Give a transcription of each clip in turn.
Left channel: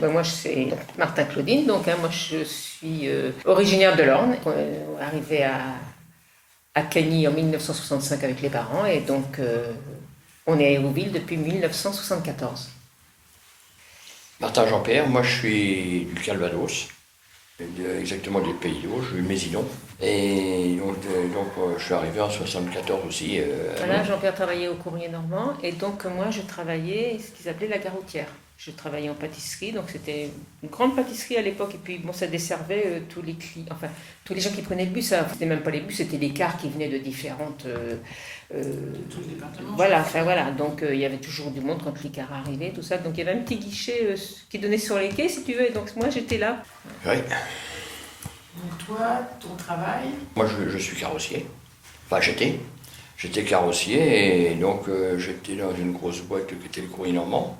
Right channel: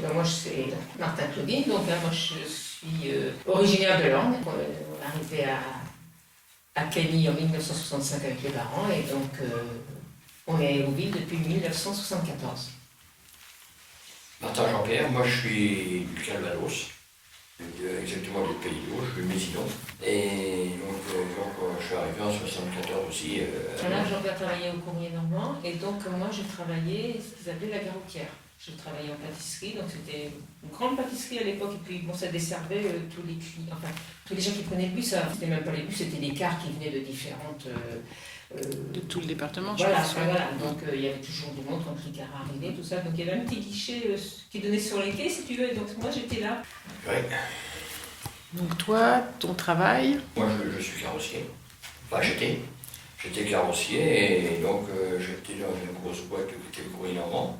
Ben, moi, c'est Martin Claudine, donc moi je suis originaire de l'Orne. On est arrivé à Cagny en 1965 avec les parents et donc on est à Hérouville depuis 1974. Martin Jean-Pierre, moi je suis du Calvados, exactement du Pays d'Auge, je suis Mésidon. Et donc je suis arrivé en 74 aussi. Voilà, Jean-Pierre travaillait au Courrier Normand et donc moi je travaillais ce qu'ils appelaient la Garoutière. Je travaillais en pâtisserie, donc c'était une grande pâtisserie à l'époque, et puis bon, ça desservait tous les clients, enfin tous les gens qui prenaient le bus, c'était même pas les bus, c'était des cars qui venaient de différentes... de tout le département. Voilà, voilà. Donc il y avait toujours du monde quand les cars arrivaient, tout ça, donc il y avait un petit guichet qui donnait sur les quais, si tu veux, et donc moi j'étais là. Oui. Donc toi, ton travail? Moi je suis carrossier, enfin j'étais carrossier, et donc j'étais dans une grosse boîte qui était le Courrier Normand.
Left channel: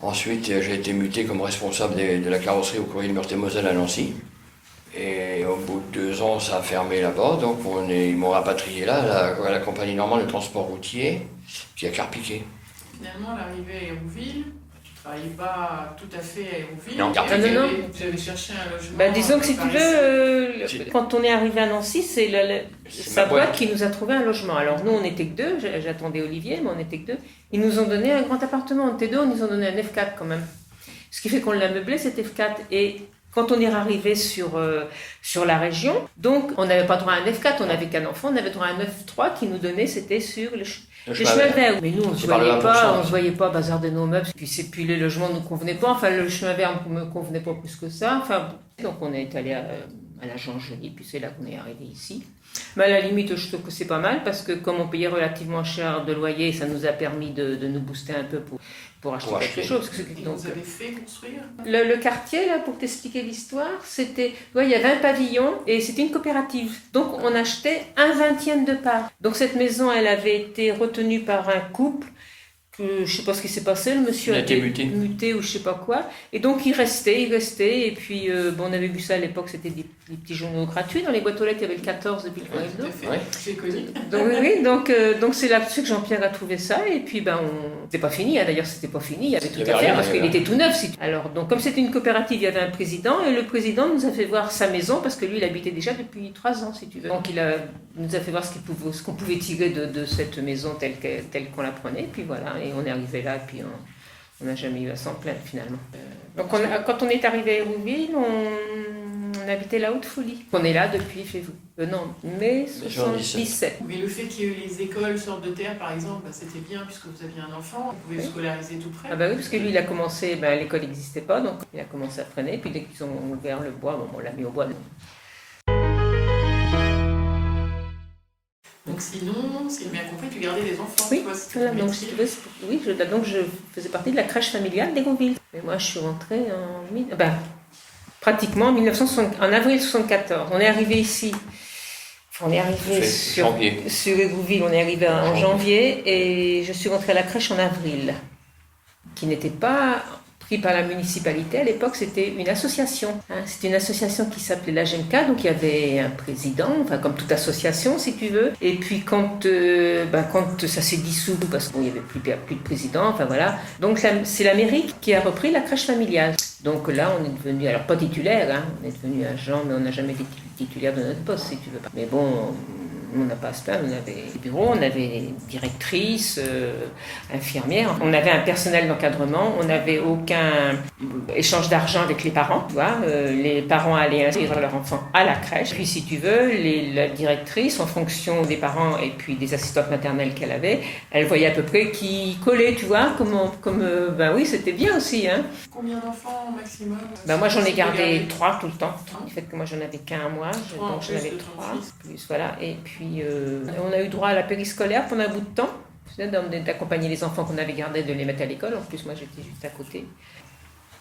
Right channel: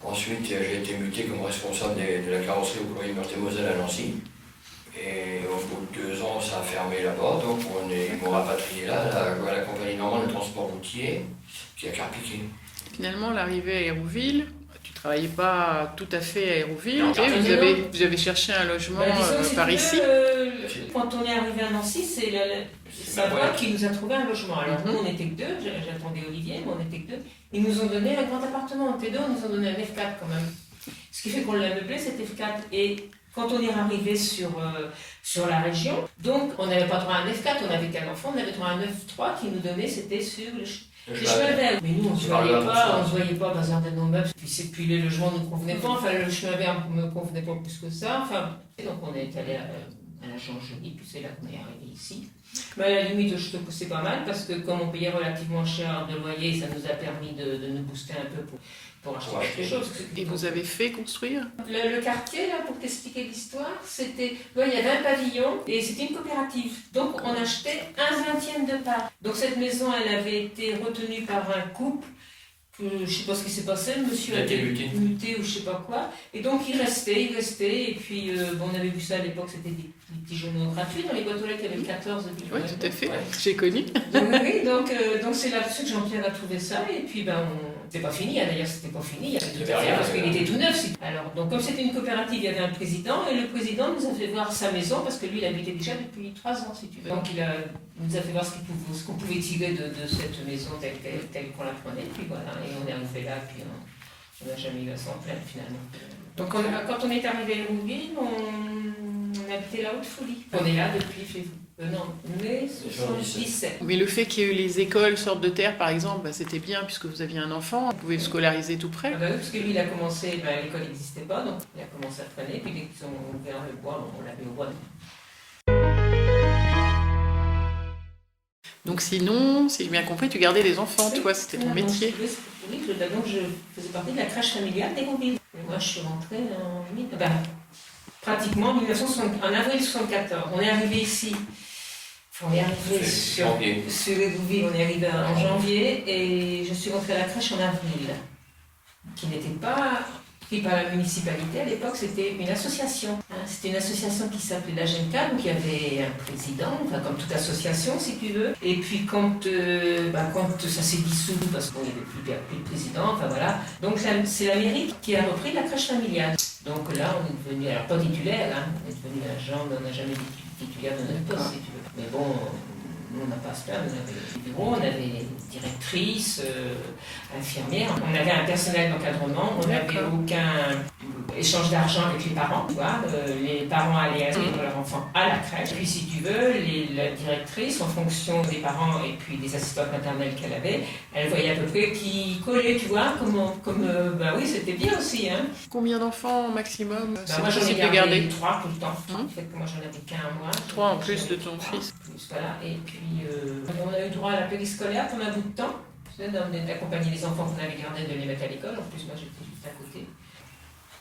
Ensuite, j'ai été muté comme responsable de la carrosserie au Courrier de Meurthe-et-Moselle à Nancy. Et au bout de 2 ans, ça a fermé là-bas, donc ils m'ont rapatrié là, à la compagnie normande de transport routier, qui a Carpiquet. Finalement, l'arrivée à Hérouville, tu ne travaillais pas tout à fait à Hérouville, Non, vous avez cherché un logement disons que si par tu ici. veux, quand on est arrivé à Nancy, c'est sa boîte qui nous a trouvé un logement. Alors nous, on n'était que 2, j'attendais Olivier, mais on n'était que 2. Ils nous ont donné un grand appartement, on était 2, ils nous ont donné un F4 quand même. Ce qui fait qu'on l'a meublé, cet F4. Et quand on est arrivé sur la région, donc on n'avait pas droit à un F4, on n'avait qu'un enfant, on avait droit à un F3 qui nous donnait, c'était sur le chemin vert. Mais nous, on ne se voyait pas bazarder nos meubles. Puis les logements ne nous convenaient pas, enfin le chemin vert ne me convenait pas plus que ça. Enfin, donc on est allé à la Jangerie, puis c'est là qu'on est arrivé ici. Mais à la limite, je trouve que c'est pas mal parce que comme on payait relativement cher de loyer, ça nous a permis de nous booster un peu pour acheter quelque chose. Et vous avez fait construire? Le quartier, là, pour t'expliquer l'histoire, c'était... Ouais, il y avait un pavillon et c'était une coopérative. Donc on achetait 1/20 de part. Donc cette maison, elle avait été retenue par un couple. Je ne sais pas ce qui s'est passé, le monsieur a été muté ou je ne sais pas quoi. Et donc il restait, et puis on avait vu ça à l'époque, c'était des petits journaux gratuits. Dans les boîtes aux lettres, il y avait 14 depuis le tout à fait, j'ai connu. Donc c'est là-dessus que Jean-Pierre a trouvé ça, et puis c'était pas fini, hein, d'ailleurs c'était pas fini, il y avait tout à faire parce qu'il était tout neuf. Alors donc comme c'était une coopérative, il y avait un président, et le président nous a fait voir sa maison, parce que lui il habitait déjà depuis 3 ans si tu veux. Donc il nous a fait voir ce qu'on pouvait tirer de cette maison telle qu'on la prenait, puis voilà. Et on est arrivé là, et puis on n'a jamais eu à s'en plaindre finalement. Donc quand on est arrivé à Hérouville, on habitait la Haute-Folie. On est là depuis mai 77. Mais le fait qu'il y ait eu les écoles sortes de terre, par exemple, c'était bien puisque vous aviez un enfant, vous pouvez scolariser tout près. Ah bah oui, parce que lui, il a commencé, l'école n'existait pas, donc il a commencé à traîner, puis dès qu'ils ont ouvert le bois, on l'a mis au bois. Donc sinon, si j'ai bien compris, tu gardais les enfants, toi, c'était ton métier. Oui, donc je faisais partie de la crèche familiale d'Hérouville. Et moi, je suis rentrée pratiquement en avril 1974. On est arrivé ici, sur Hérouville, on est arrivé en janvier, et je suis rentrée à la crèche en avril, qui n'était pas pris par la municipalité. À l'époque, c'était une association. C'était une association qui s'appelait la GENCA, donc il y avait un président, enfin comme toute association si tu veux. Et puis quand ça s'est dissous, parce qu'il n'y avait plus de président, enfin voilà. Donc c'est la mairie qui a repris la crèche familiale. Donc là, on est devenu, alors pas titulaire, on est devenu agent, mais on n'a jamais été titulaire de notre poste si tu veux. Mais bon, on n'a pas ça, on avait des bureaux, on avait directrice, infirmière, on avait un personnel d'encadrement, on n'avait aucun échange d'argent avec les parents, tu vois. Les parents allaient inscrire leurs enfants à la crèche. Puis si tu veux, la directrice, en fonction des parents et puis des assistantes maternelles qu'elle avait, elle voyait à peu près qui collait, tu vois, oui, c'était bien aussi. Hein. Combien d'enfants maximum? Moi j'en ai gardé 3 tout le temps. En fait, moi j'en avais qu'un mois. 3 en plus de ton fils. Voilà, et puis on a eu droit à la périscolaire pendant un bout de temps, d'accompagner les enfants qu'on avait gardés, de les mettre à l'école. En plus, moi j'étais juste à côté.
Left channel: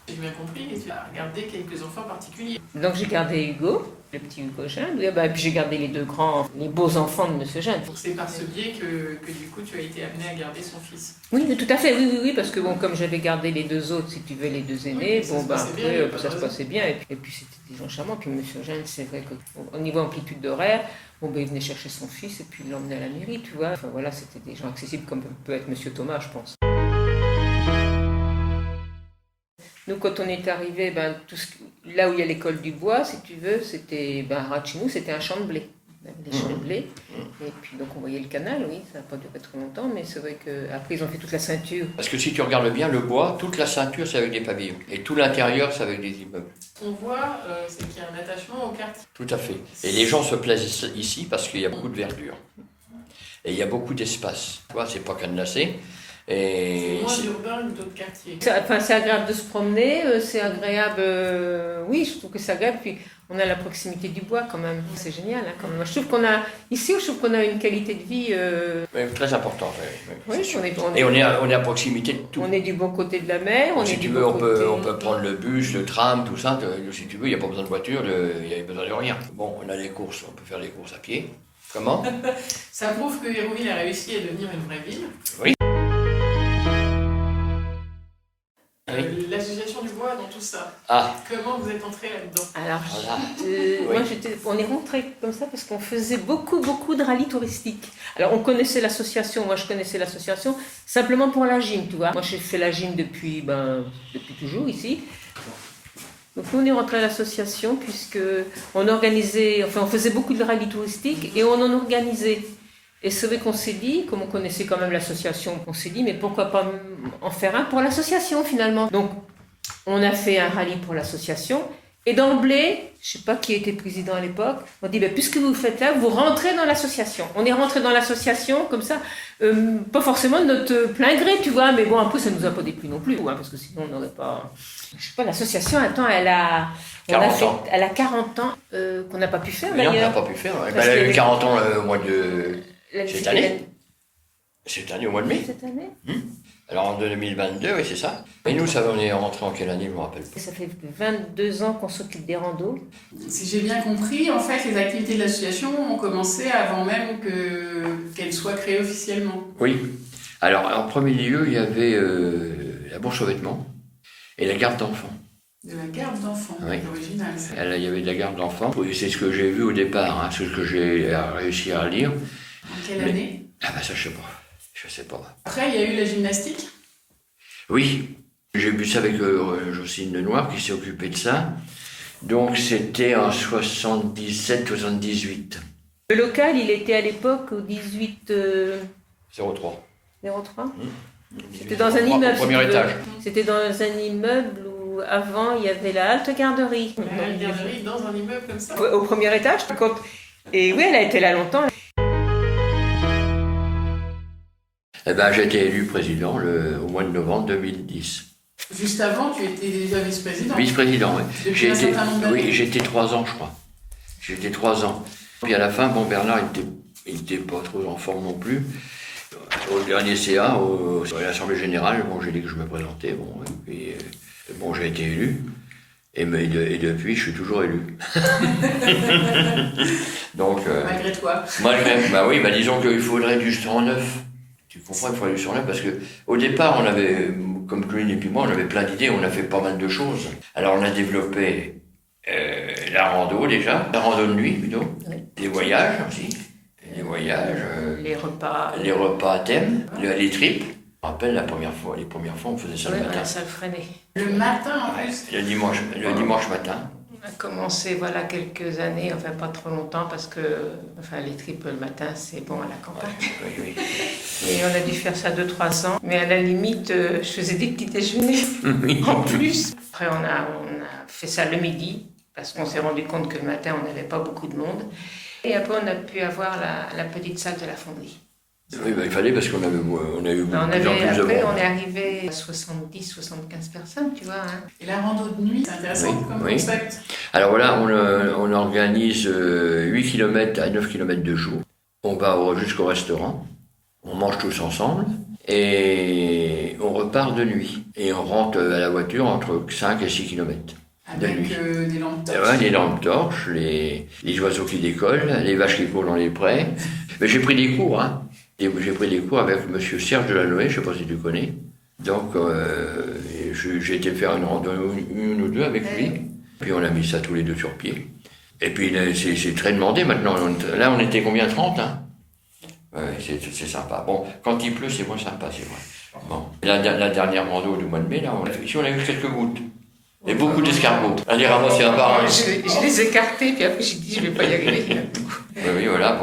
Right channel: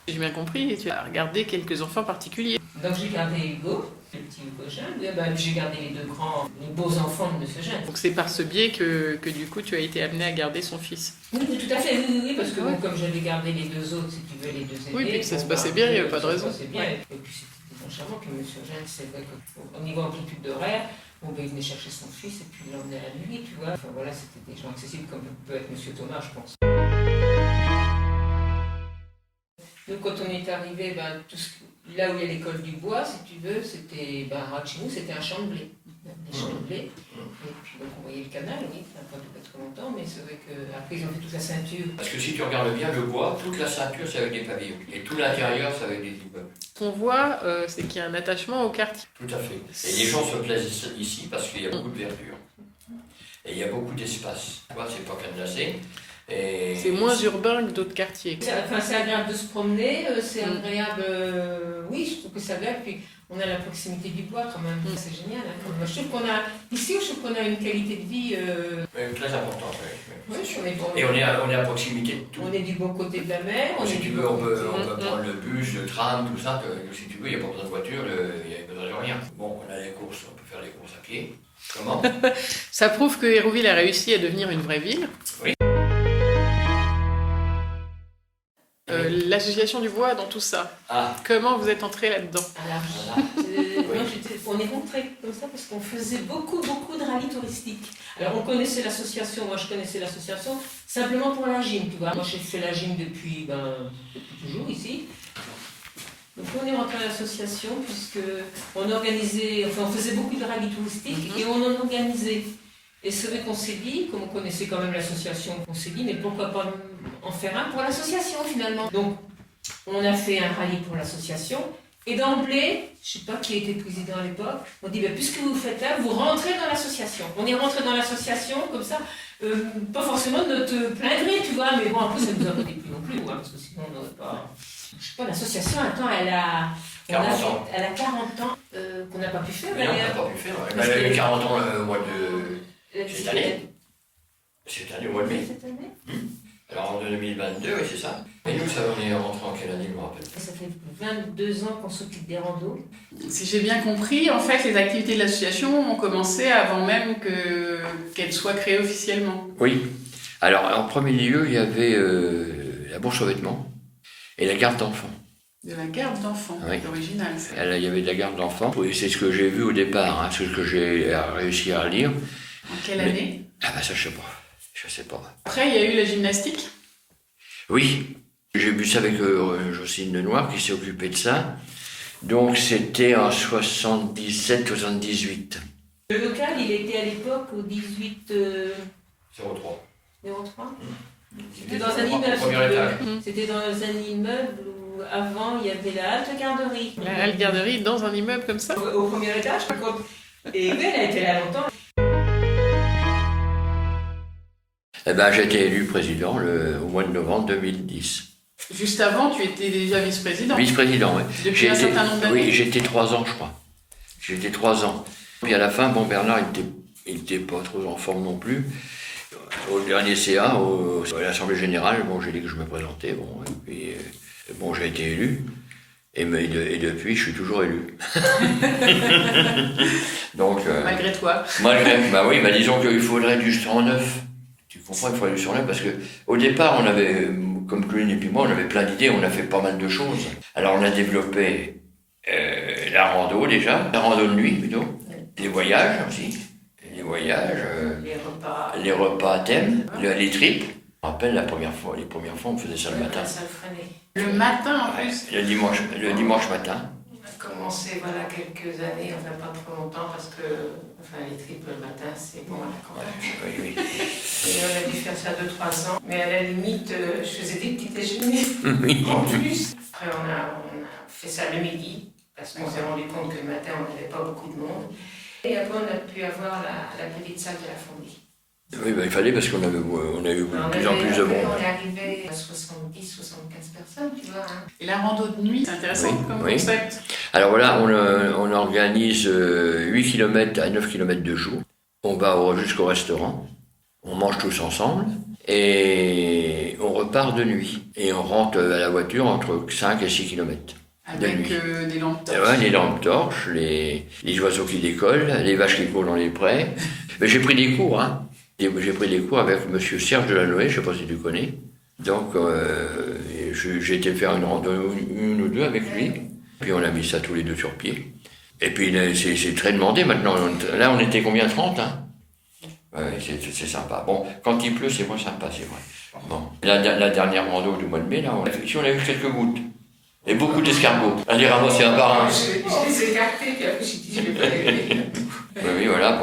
J'ai bien compris, et tu as regardé quelques enfants particuliers. Donc j'ai gardé Hugo, le petit Hugo Jeune, et puis j'ai gardé les 2 grands, les beaux enfants de M. Jeune. Donc c'est par ce biais que du coup tu as été amené à garder son fils. Oui, tout à fait, oui, parce que comme j'avais gardé les 2 autres, si tu veux, les 2 aînés, ça se passait bien, il n'y avait pas de raison. Ça se passait bien, et puis c'était des gens charmants. Puis M. Jeune, c'est vrai qu'au niveau amplitude d'horaire, il venait chercher son fils et puis il l'emmenait à la mairie, tu vois. Enfin voilà, c'était des gens accessibles comme peut être M. Thomas, je pense. Nous, quand on est arrivé, là où il y a l'école du bois, si tu veux, c'était, chez nous, c'était un champ de blé. Des champs de blé. Et puis, donc, on voyait le canal, oui, ça n'a pas duré très longtemps, mais c'est vrai qu'après, ils ont fait toute la ceinture. Parce que si tu regardes bien le bois, toute la ceinture, c'est avec des pavillons. Et tout l'intérieur, c'est avec des immeubles. Ce qu'on voit, c'est qu'il y a un attachement au quartier. Tout à fait. Et les gens se plaisent ici parce qu'il y a beaucoup de verdure. Et il y a beaucoup d'espace. Tu vois, c'est pas cadenassé. Et c'est moins urbain que d'autres quartiers. C'est agréable de se promener, c'est agréable, oui, je trouve que c'est agréable. Puis on a la proximité du bois quand même, c'est génial. Hein, quand même. Je trouve qu'on a, ici, je trouve qu'on a une qualité de vie très importante. Oui, c'est sûr. Et on est à proximité de tout. On est du bon côté de la mer. Si tu veux, on peut prendre le bus, le tram, tout ça. Si tu veux, il n'y a pas besoin de voiture, il n'y a besoin de rien. Bon, on a les courses, on peut faire les courses à pied. Comment? Ça prouve que Hérouville a réussi à devenir une vraie ville. Oui. L'association du bois dans tout ça. Comment vous êtes entré là-dedans? Alors, on est rentré comme ça parce qu'on faisait beaucoup de rallyes touristiques. Alors, on connaissait l'association, moi je connaissais l'association simplement pour la gym, tu vois. Moi j'ai fait la gym depuis toujours ici. Donc on est rentré à l'association puisque on faisait beaucoup de rallyes touristiques et on en organisait. Et c'est vrai qu'on s'est dit, comme on connaissait quand même l'association, on s'est dit, mais pourquoi pas en faire un pour l'association finalement. Donc, on a fait un rallye pour l'association. Et d'emblée, je ne sais pas qui était président à l'époque, on dit, puisque vous faites là, vous rentrez dans l'association. On est rentré dans l'association comme ça, pas forcément de notre plein gré, tu vois, mais bon, après, ça ne nous a pas déplu non plus, parce que sinon, on n'aurait pas... Je sais pas, l'association, attends, elle a 40 ans qu'on n'a pas pu faire. Oui, on n'a pas pu faire. Elle a eu 40 ans au mois de... Cette année, au mois de mai. Cette année Alors en 2022, oui, c'est ça. Et nous, on est rentré en quelle année, je ne me rappelle pas. Ça fait 22 ans qu'on s'occupe des randos. Si j'ai bien compris, en fait, les activités de l'association ont commencé avant même qu'elle soit créée officiellement. Oui. Alors, en premier lieu, il y avait la bourse aux vêtements et la garde d'enfants. De la garde d'enfants, oui. C'est original. Il y avait de la garde d'enfants. Oui, c'est ce que j'ai vu au départ, c'est ce que j'ai réussi à lire. En quelle année? Ça, je sais pas. Après, il y a eu la gymnastique? Oui, j'ai vu ça avec Jocelyne Lenoir qui s'est occupée de ça. Donc c'était en 77-78. Le local, il était à l'époque au 18... 03. 03 C'était dans un immeuble. Au premier étage. C'était dans un immeuble où avant il y avait la halte garderie. La halte garderie dans un immeuble comme ça? Au premier étage. Et oui, elle a été là longtemps. J'ai été élu président au mois de novembre 2010. Juste avant, tu étais déjà vice-président? Vice-président, oui. Depuis un certain nombre d'années? Oui, j'étais 3 ans, je crois. J'étais 3 ans. Puis à la fin, Bernard, il était pas trop en forme non plus. Au dernier CA, à l'Assemblée Générale, j'ai dit que je me présentais. Et puis, j'ai été élu. Et depuis, je suis toujours élu. Donc, malgré toi? Oui, disons qu'il faudrait du sang neuf. Tu comprends, il faudrait du sang neuf parce qu'au départ, on avait, comme Claudine et puis moi, on avait plein d'idées, on a fait pas mal de choses. Alors, on a développé la rando déjà, la rando de nuit plutôt, les voyages aussi, les repas à thème, les tripes. Je me rappelle les premières fois, on faisait ça le matin. Ça le freinait. Le matin en plus? Le dimanche matin. On a commencé quelques années, pas trop longtemps, parce que les tripes le matin, c'est bon à la campagne. Oui. Et on a dû faire ça 2-3 ans. Mais à la limite, je faisais des petits déjeuners en plus. Après, on a fait ça le midi, parce qu'on s'est rendu compte que le matin, on n'avait pas beaucoup de monde. Et après, on a pu avoir la petite salle de la fonderie. Oui, il fallait parce qu'on a eu de plus en plus de monde. On est arrivé à 70-75 personnes, tu vois. Et la rando de nuit, c'est intéressant comme concept. Alors voilà, on organise 8 km à 9 km de jour. On va jusqu'au restaurant, on mange tous ensemble et on repart de nuit. Et on rentre à la voiture entre 5 et 6 km. Avec des lampes torches. Ouais, les lampes torches, les oiseaux qui décollent, les vaches qui courent dans les prés. Mais j'ai pris des cours, J'ai pris des cours avec monsieur Serge Delanoë, je ne sais pas si tu connais. Donc, j'ai été faire une randonnée, une ou deux avec lui. Puis on a mis ça tous les deux sur pied. Et puis c'est très demandé maintenant. Là, on était combien? 30, Ouais, c'est sympa. Bon, quand il pleut, c'est moins sympa, c'est vrai. Bon. La dernière rando du mois de mai, là, on a eu quelques gouttes. Et beaucoup d'escargots. Un des Ramos, c'est un bar. Hein. Je les ai écartés, puis après j'ai dit je vais pas y arriver. Oui, voilà.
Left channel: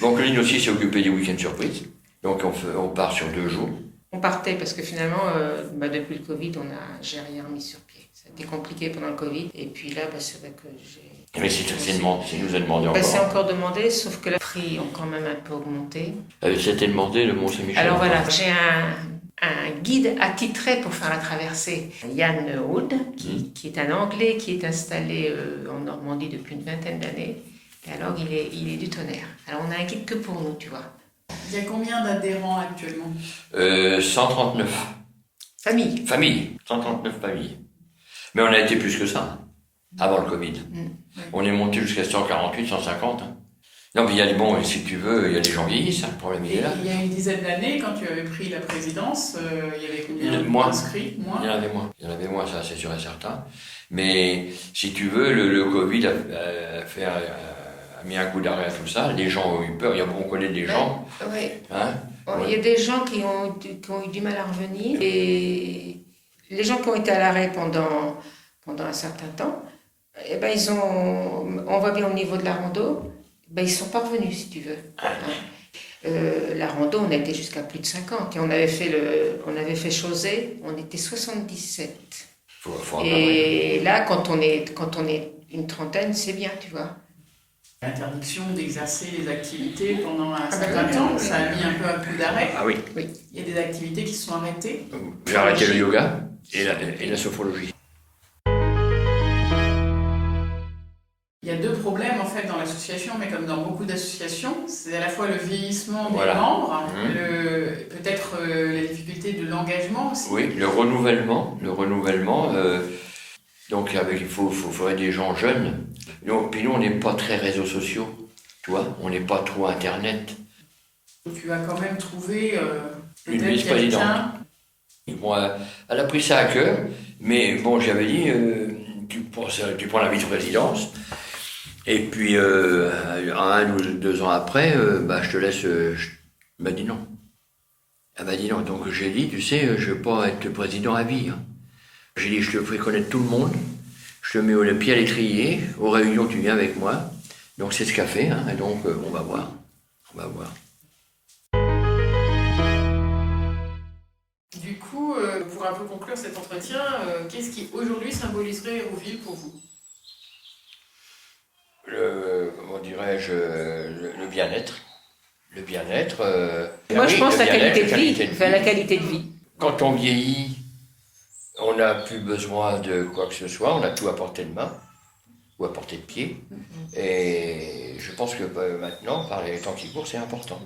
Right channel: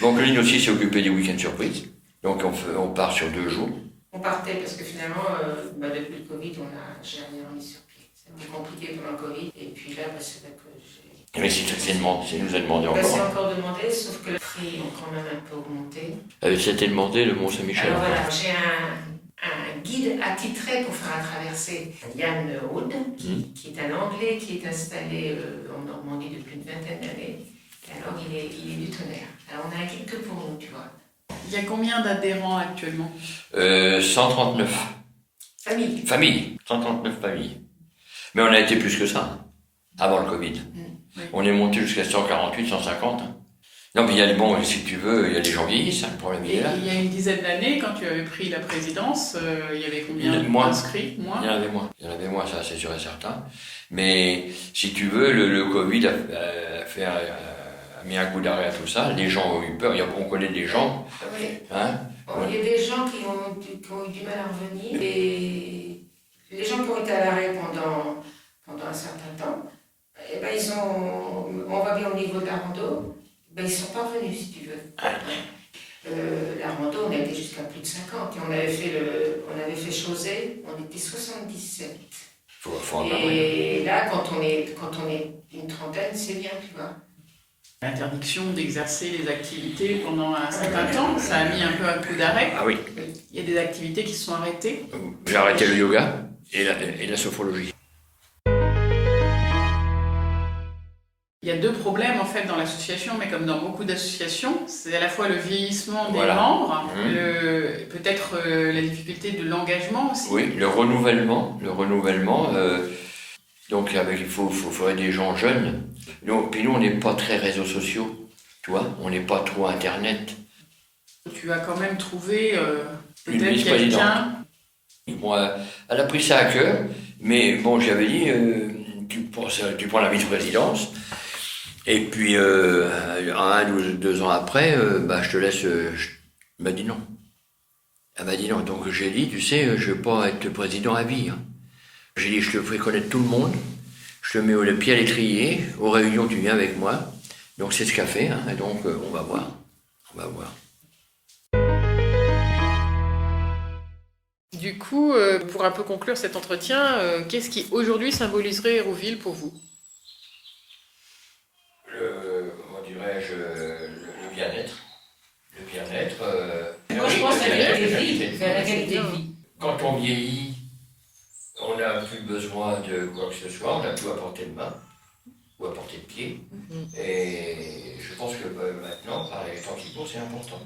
Donc Lynn aussi s'est occupée des week-ends surprises. Donc on part sur 2 jours. On partait parce que finalement, depuis le Covid, j'ai rien mis sur pied. Ça a été compliqué pendant le Covid. Et puis là, c'est vrai que j'ai... Mais c'est nous a demandé encore. C'est encore demandé, sauf que les prix ont quand même un peu augmenté. C'était demandé le Mont-Saint-Michel. Alors voilà, j'ai un guide attitré pour faire la traversée, Yann Hood, qui est un Anglais qui est installé en Normandie depuis une vingtaine d'années. Et alors, il est du tonnerre. Alors, on a un guide que pour nous, tu vois. Il y a combien d'adhérents actuellement ? 139. Familles. 139 familles. Mais on a été plus que ça, avant le Covid. Oui. On est monté jusqu'à 148, 150. Hein. Non, mais il y a si tu veux, il y a les gens vieillissent, hein, le problème il est là. Il y a une dizaine d'années, quand tu avais pris la présidence, il y avait combien d'inscrits ? Moins. Il y en avait moins, ça c'est sûr et certain. Mais si tu veux, le Covid a mis un coup d'arrêt à tout ça. Les gens ont eu peur. On connaît des gens. Oui. Hein, il y a des gens qui ont eu du mal à revenir. Et les gens qui ont été à l'arrêt pendant un certain temps, eh ben, on voit bien au niveau de la rando, ben, ils ne sont pas revenus, si tu veux. La rando, on a été jusqu'à plus de 50. Et on avait fait Chausey, on était 77. Et là, quand on est une trentaine, c'est bien, tu vois. L'interdiction d'exercer les activités pendant un certain temps, ça a mis un peu un coup d'arrêt. Ah oui. Il y a des activités qui se sont arrêtées. J'ai arrêté le yoga et la sophrologie. Il y a 2 problèmes en fait dans l'association, mais comme dans beaucoup d'associations, c'est à la fois le vieillissement des Voilà. membres, peut-être la difficulté de l'engagement aussi. Oui, le renouvellement. Donc il faudrait des gens jeunes. Puis nous, on n'est pas très réseaux sociaux, tu vois, on n'est pas trop Internet. Tu as quand même trouvé Une peut-être vice-présidente. quelqu'un. Bon, elle a pris ça à cœur, mais bon, j'avais dit, tu prends la vice-présidence, et puis 1 ou 2 ans après, je te laisse. Elle m'a dit non. Elle m'a dit non. Donc j'ai dit, tu sais, je ne veux pas être président à vie. Hein. J'ai dit, je te ferai connaître tout le monde, je te mets le pied à l'étrier, aux réunions, tu viens avec moi. Donc c'est ce qu'a fait, hein, et donc on va voir. Du coup, pour un peu conclure cet entretien, qu'est-ce qui aujourd'hui symboliserait Hérouville pour vous ? Comment dirais-je, le bien-être. Le bien-être. Moi, je pense la la qualité de vie. Quand on vieillit, on n'a plus besoin de quoi que ce soit, on a tout à portée de main ou à portée de pied. Et je pense que maintenant, par les temps qui courent, c'est important.